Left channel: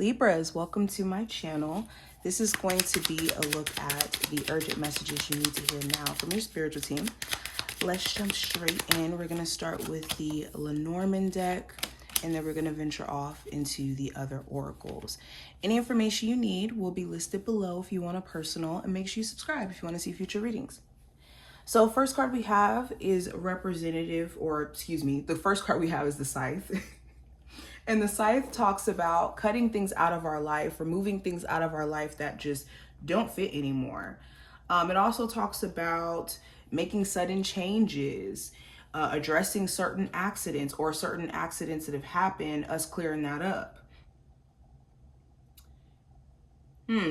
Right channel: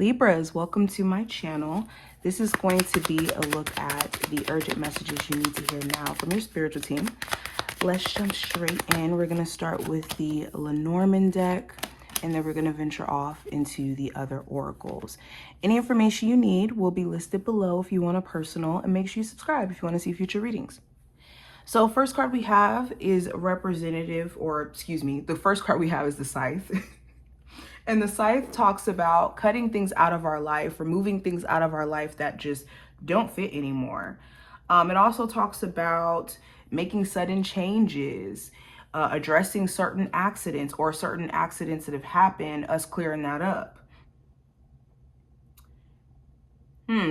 Libras, welcome to my channel. This is going to be a look at the urgent messages you need to hear now from your spiritual team. Let's jump straight in. We're going to start with the Lenormand deck, and then we're going to venture off into the other oracles. Any information you need will be listed below if you want a personal, and make sure you subscribe if you want to see future readings. So first card we have is the first card we have is the Scythe. And the Scythe talks about cutting things out of our life, removing things out of our life that just don't fit anymore. It also talks about making sudden changes, addressing certain accidents or certain accidents that have happened, us clearing that up.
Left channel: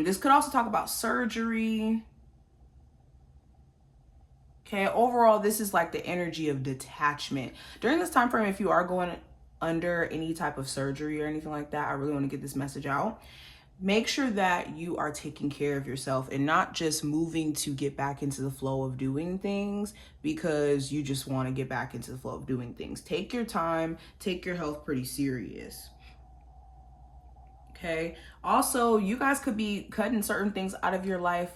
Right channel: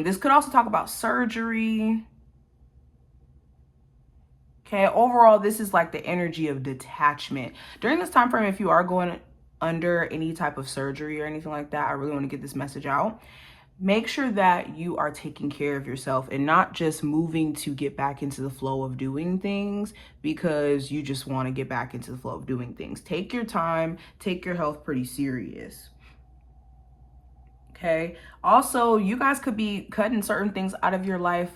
This could also talk about surgery. Okay, overall, this is like the energy of detachment. During this time frame, if you are going under any type of surgery or anything like that, I really want to get this message out. Make sure that you are taking care of yourself and not just moving to get back into the flow of doing things because you just want to get back into the flow of doing things. Take your time, take your health pretty serious. Okay. Also, you guys could be cutting certain things out of your life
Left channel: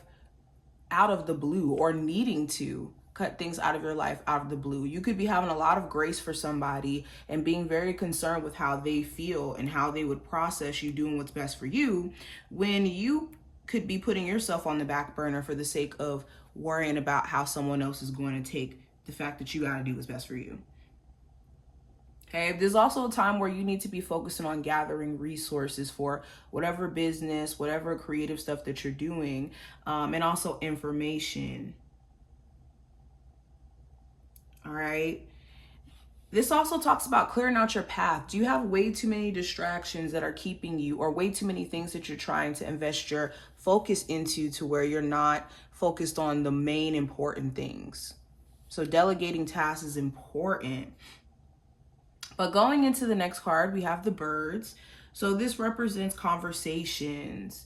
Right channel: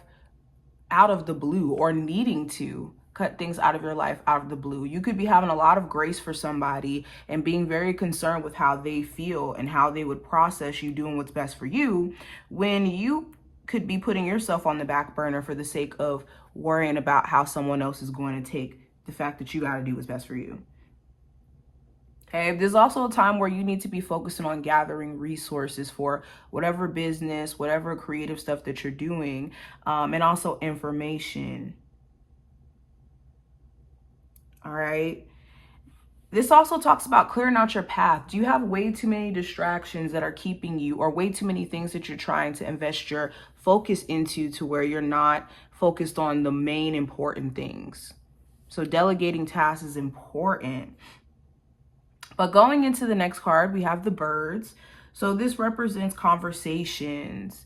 out of the blue, or needing to cut things out of your life out of the blue. You could be having a lot of grace for somebody and being very concerned with how they feel and how they would process you doing what's best for you, when you could be putting yourself on the back burner for the sake of worrying about how someone else is going to take the fact that you got to do what's best for you. Okay, there's also a time where you need to be focusing on gathering resources for whatever business, whatever creative stuff that you're doing, and also information. All right. This also talks about clearing out your path. Do you have way too many distractions that are keeping you, or way too many things that you're trying to invest your focus into to where you're not focused on the main important things? So delegating tasks is important. But going into the next card, we have the birds. So this represents conversations,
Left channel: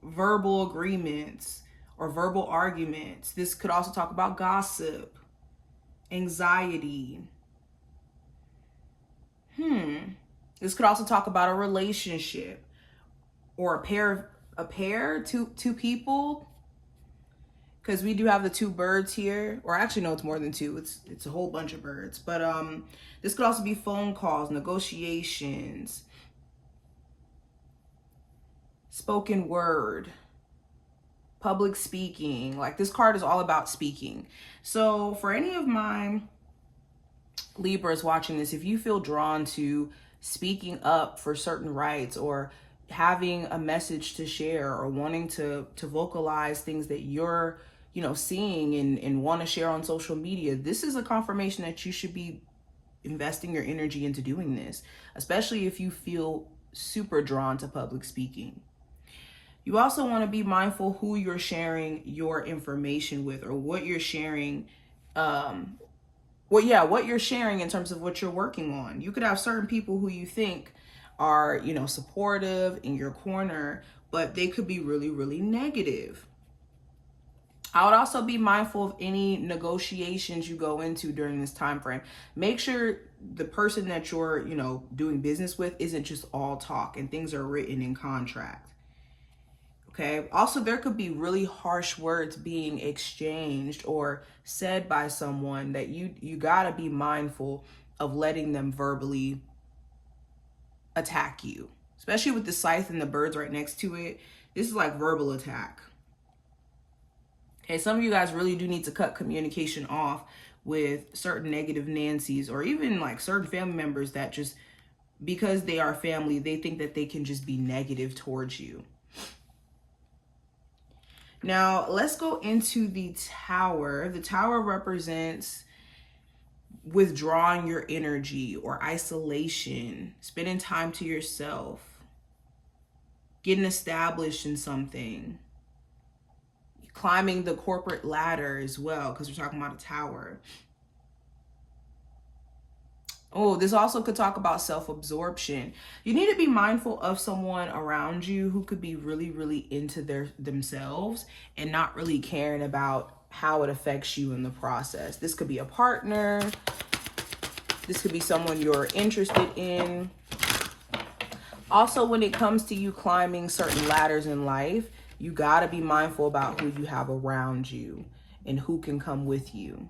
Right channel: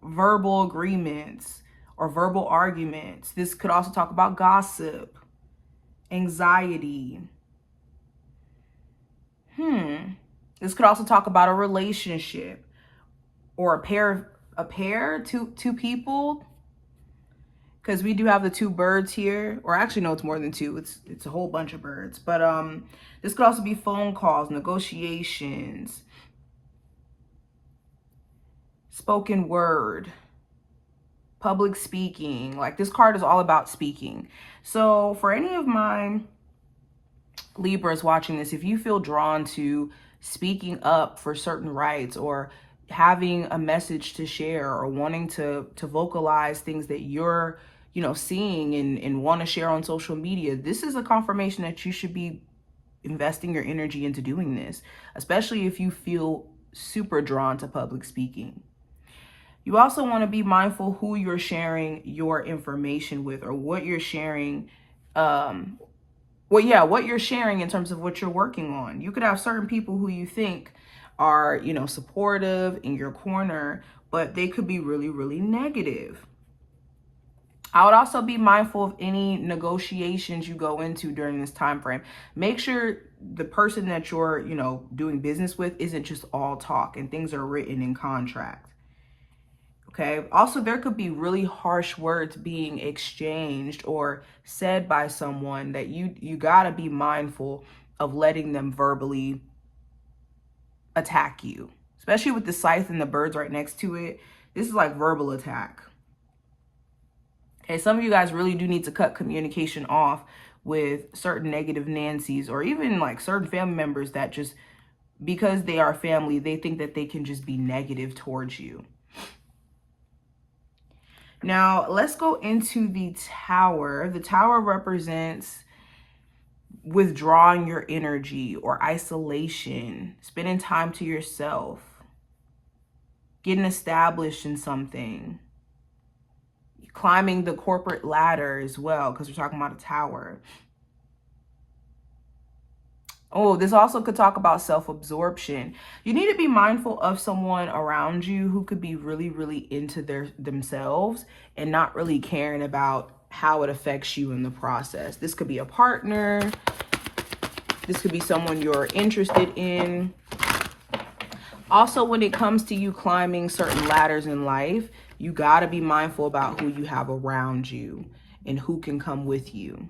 verbal agreements, or verbal arguments. This could also talk about gossip, anxiety. This could also talk about a relationship, or a pair, two people, because we do have the two birds here, or actually no, it's more than two. It's a whole bunch of birds. But this could also be phone calls, negotiations, spoken word, public speaking. Like, this card is all about speaking. So for any of my Libras watching this, if you feel drawn to speaking up for certain rights, or having a message to share, or wanting to vocalize things that you're seeing and want to share on social media, this is a confirmation that you should be investing your energy into doing this, especially if you feel super drawn to public speaking. You also want to be mindful who you're sharing your information with, or what you're sharing, what you're sharing in terms of what you're working on. You could have certain people who you think are, supportive in your corner, but they could be really, really negative. I would also be mindful of any negotiations you go into during this time frame. Make sure the person that you're, doing business with isn't just all talk and things are written in contract. Okay. Also, there could be really harsh words being exchanged or said by someone that you got to be mindful of letting them verbally attack you, especially with the Scythe and the birds right next to it. This is like verbal attack. Okay, some of you guys really do need to cut communication off with certain negative Nancys, or even like certain family members that just, because they are family, they think that they can just be negative towards you. Now, let's go into the Tower. The Tower represents withdrawing your energy, or isolation, spending time to yourself, getting established in something, climbing the corporate ladder as well, because we're talking about a tower. Oh, this also could talk about self-absorption. You need to be mindful of someone around you who could be really, really into themselves and not really caring about how it affects you in the process. This could be a partner. This could be someone you're interested in. Also, when it comes to you climbing certain ladders in life, you got to be mindful about who you have around you and who can come with you.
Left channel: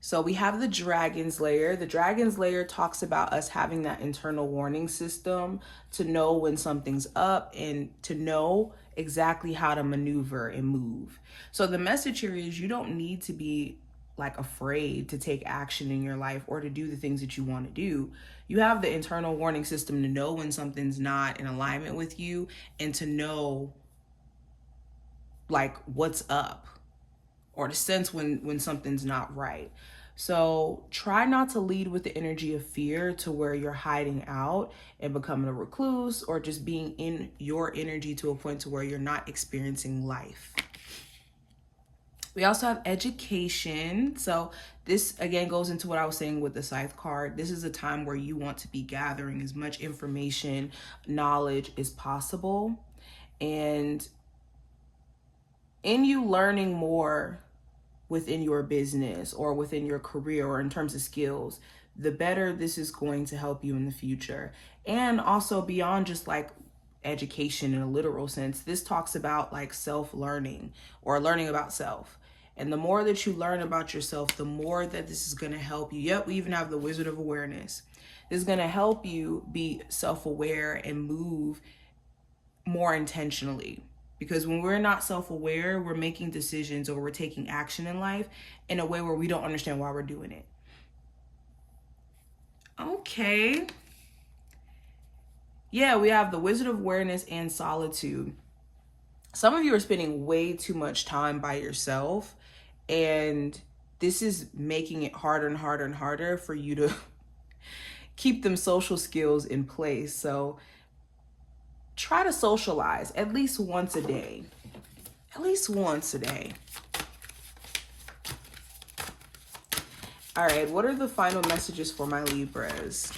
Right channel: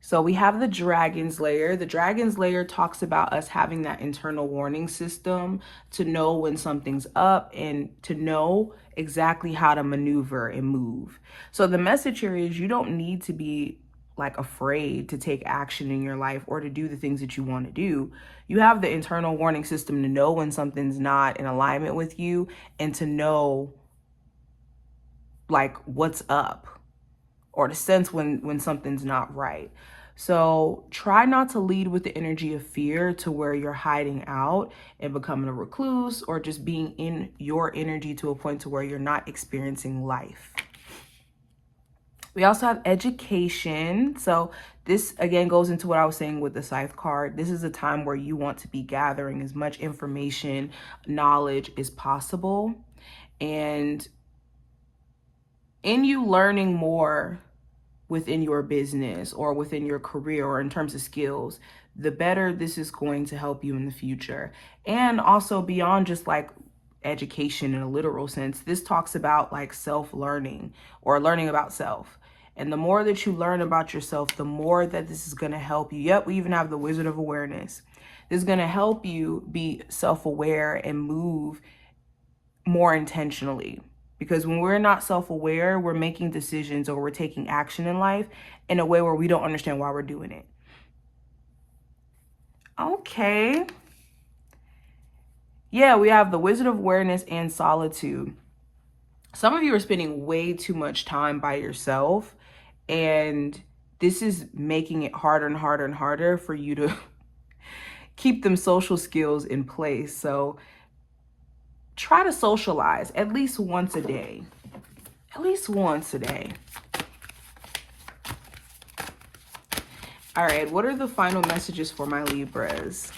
So we have the dragon's lair. The dragon's lair talks about us having that internal warning system to know when something's up and to know exactly how to maneuver and move. So the message here is you don't need to be like afraid to take action in your life or to do the things that you want to do. You have the internal warning system to know when something's not in alignment with you and to know like what's up, or to sense when something's not right. So try not to lead with the energy of fear to where you're hiding out and becoming a recluse, or just being in your energy to a point to where you're not experiencing life. We also have education. So this again goes into what I was saying with the Scythe card. This is a time where you want to be gathering as much information, knowledge as possible. And in you learning more within your business or within your career or in terms of skills, the better this is going to help you in the future. And also beyond just like education in a literal sense, this talks about like self-learning or learning about self. And the more that you learn about yourself, the more that this is going to help you. Yep, we even have the Wizard of Awareness. This is going to help you be self-aware and move more intentionally. Because when we're not self-aware, we're making decisions or we're taking action in life in a way where we don't understand why we're doing it. Okay. Yeah, we have the Wizard of Awareness and Solitude. Some of you are spending way too much time by yourself, and this is making it harder and harder and harder for you to keep them social skills in place. So try to socialize at least once a day. At least once a day. All right, what are the final messages for my Libras?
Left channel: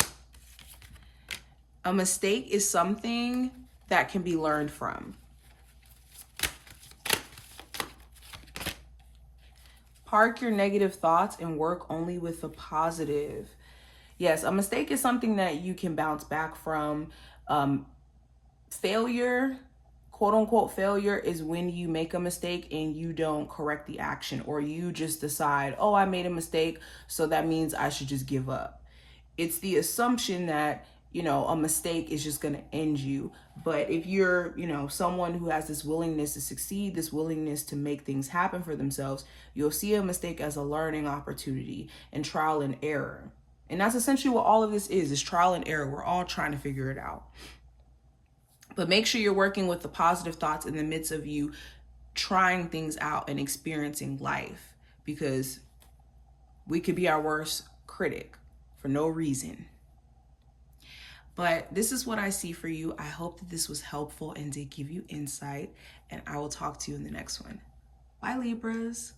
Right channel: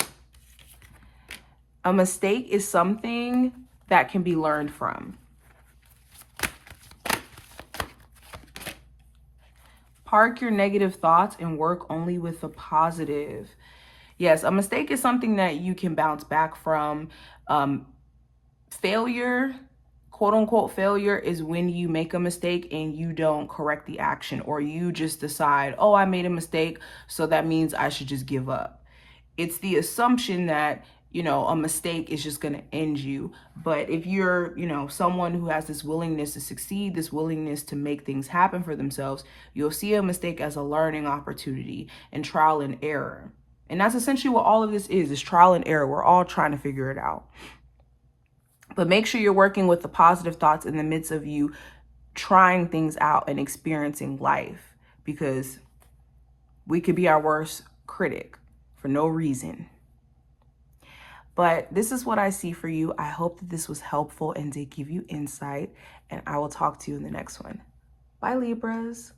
A mistake is something that can be learned from. Park your negative thoughts and work only with the positive. Yes, a mistake is something that you can bounce back from. Failure, quote unquote failure, is when you make a mistake and you don't correct the action, or you just decide, oh, I made a mistake, so that means I should just give up. It's the assumption that, you know, a mistake is just going to end you. But if you're, you know, someone who has this willingness to succeed, this willingness to make things happen for themselves, you'll see a mistake as a learning opportunity and trial and error. And that's essentially what all of this is trial and error. We're all trying to figure it out. But make sure you're working with the positive thoughts in the midst of you trying things out and experiencing life, because we could be our worst critic for no reason. But this is what I see for you. I hope that this was helpful and did give you insight, and I will talk to you in the next one. Bye, Libras.